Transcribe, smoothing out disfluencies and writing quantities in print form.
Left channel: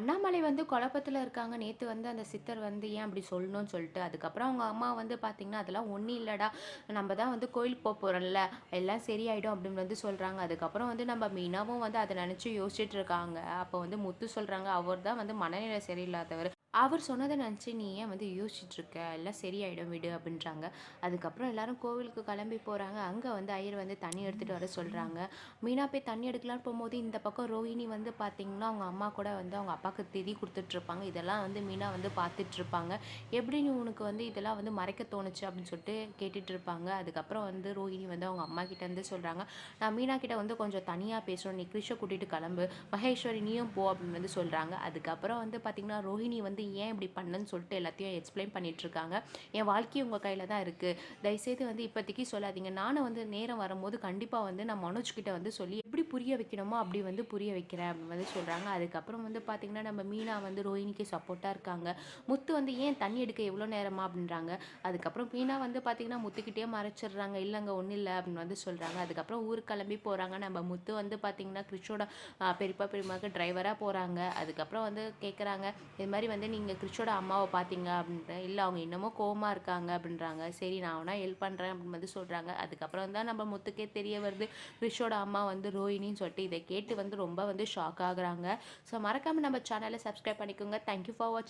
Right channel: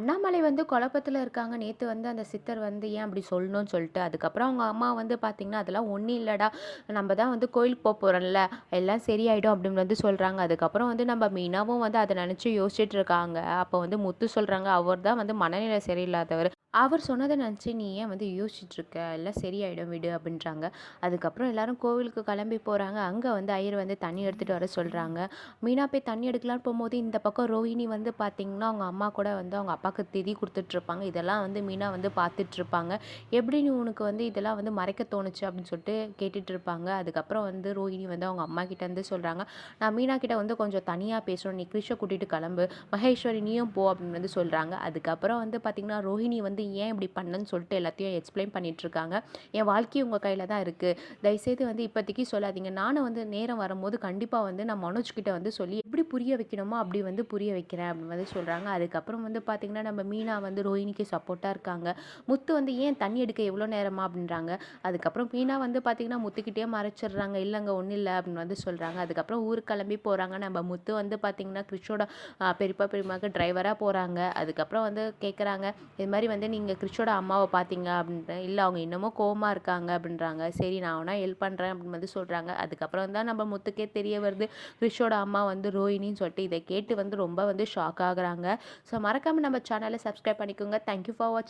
அண்ணாமலை வந்து குழப்பத்துல இருக்காங்க. நேத்து வந்து அந்த சித்தர் வந்து ஏன் அப்படி சொல்லணும்னு சொல்லிட்டு, அதுக்கப்புறம் அவங்க அம்மா வந்து பார்த்தீங்கன்னா, "அதெல்லாம் ஒண்ணும் இல்லடா. நம்ம தான் வந்து கோயிலுக்கு போறோம்ல. எல்லாம் சரியாயிடும்." அப்படின்னு வந்து சொல்றாங்க. அதுக்கப்புறம் வந்து நம்ம மீனாவும் வந்து அத நெனச்சு யோசிச்சுட்டு இருக்காங்க. அப்போ வந்து முத்து சொல்றாங்க, "அவர் தான் வந்து மனநிலை சரியில்லாதவரு. அவர் சொன்னத நெனச்சு நீ ஏன் வந்து யோசிச்சுட்டு இருக்க? எல்லாம் சரியாயிடும் விடு." அப்படின்றாங்க. அதுக்கப்புறம் எல்லாரும் கோவிலுக்கு கிளம்பி போறாங்க. அங்க வந்து ஐயர் வந்து தண்ணி எடுத்துட்டு வர சொல்றாங்க. மீனா போய் தண்ணி எடுக்கலான்னு போகும்போது, இந்த பக்கம் ரோஹிணி வந்து பார்த்தீங்கன்னா, அவங்க அம்மா கூட வந்து அவங்க அப்பாவுக்கு திதி குடுத்துட்ருப்பாங்க. இதெல்லாம் வந்து மீனா வந்து பார்த்துட்ருப்பாங்க. "எப்படி நீ உனக்கு வந்து இதெல்லாம் வந்து மறைக்க தோணுச்சு?" அப்படின்னு சொல்லிட்டு கேட்டுட்ருப்பாங்க. அதுக்கப்புறம் வந்து ரோஹிணி வந்து அவங்க அம்மாகிட்ட இருந்து சொல்றாங்க, "நான் மீனா கிட்ட வந்து கொஞ்சம் தனியா பேசணும். நீ கிரிஷ கூட்டிட்டு கிளம்பு. மகேஸ்வரி நீயும் போ." அப்படின்னு வந்து சொல்றாங்க. அதுக்கப்புறம் வந்து பார்த்தீங்கன்னா, ரோஹிணி வந்து ஏன் இப்படி பண்ணேன்னு சொல்லிட்டு எல்லாத்தையும் எக்ஸ்பிளைன் பண்ணிட்டுருக்காங்க. "என் வாழ்க்கை உங்க கையில தான் இருக்கு. தயவுசெய்து வந்து இப்போதைக்கு சொல்லாதீங்க. நானும் வந்து நேரம் வரும்போது கண்டிப்பா வந்து நான் மனோஜ் கிட்ட வந்து சொல்லி எப்படி புரிய வைக்கணுமோ அப்படி வந்து புரிய வைக்கிறேன்." அப்படின்னு வந்து சொல்றாங்க. அதுக்கப்புறம் வந்து பார்த்தீங்கன்னா, நம்ம மீனா வந்து ரோஹிணிக்கு சப்போர்ட்டா இருக்காங்க. முத்து வந்து ஏன் தண்ணி எடுக்க எவ்வளோ நேரமா அப்படின்றாங்க. அதுக்கப்புறம் மீனா வந்து பார்த்தீங்கன்னா, முத்துக்கிட்டயே மறைச்சிடுறாங்க. "இல்லைங்க ஒன்றும் இல்லை." அப்படின்னு வந்து சொல்றாங்க. அதுக்கப்புறம் ஊருக்கு கிளம்பி போறாங்க. நம்ம முத்து வந்து பார்த்தீங்கன்னா, கிறிஷோட பெரியப்பா பெரியம்மாவுக்கு டிரைவரா போறாங்க. அதுக்கப்புறம் வந்து கேட்குறாங்க, "இது மாதிரி வந்து நீங்க கிறிஷோட அம்மாவை பார்த்தீங்க?" அப்படின்ட்டு. "இல்லை அவங்க இன்னமும் கோவமா இருக்காங்க." அப்படின்றாங்க. "சரி நான் வேணா ஹெல்ப் பண்ணுறேன்." அப்படின்னு வந்து சொல்றாங்க. அதுக்கப்புறம் தான் நம்ம முத்துக்கே தெரிய வருது, கிறிஷோட அம்மா வந்து ரோஹிணின்னு சொல்லிட்டு. இதை கேட்டு வந்து ரொம்ப வந்து ஷாக் ஆகுறாங்க. ஸோ மறக்காம நம்ம சேனலை சப்ஸ்கிரைப் பண்ணிக்கோங்க. தேங்க்யூ ஃபார் வாட்சிங்.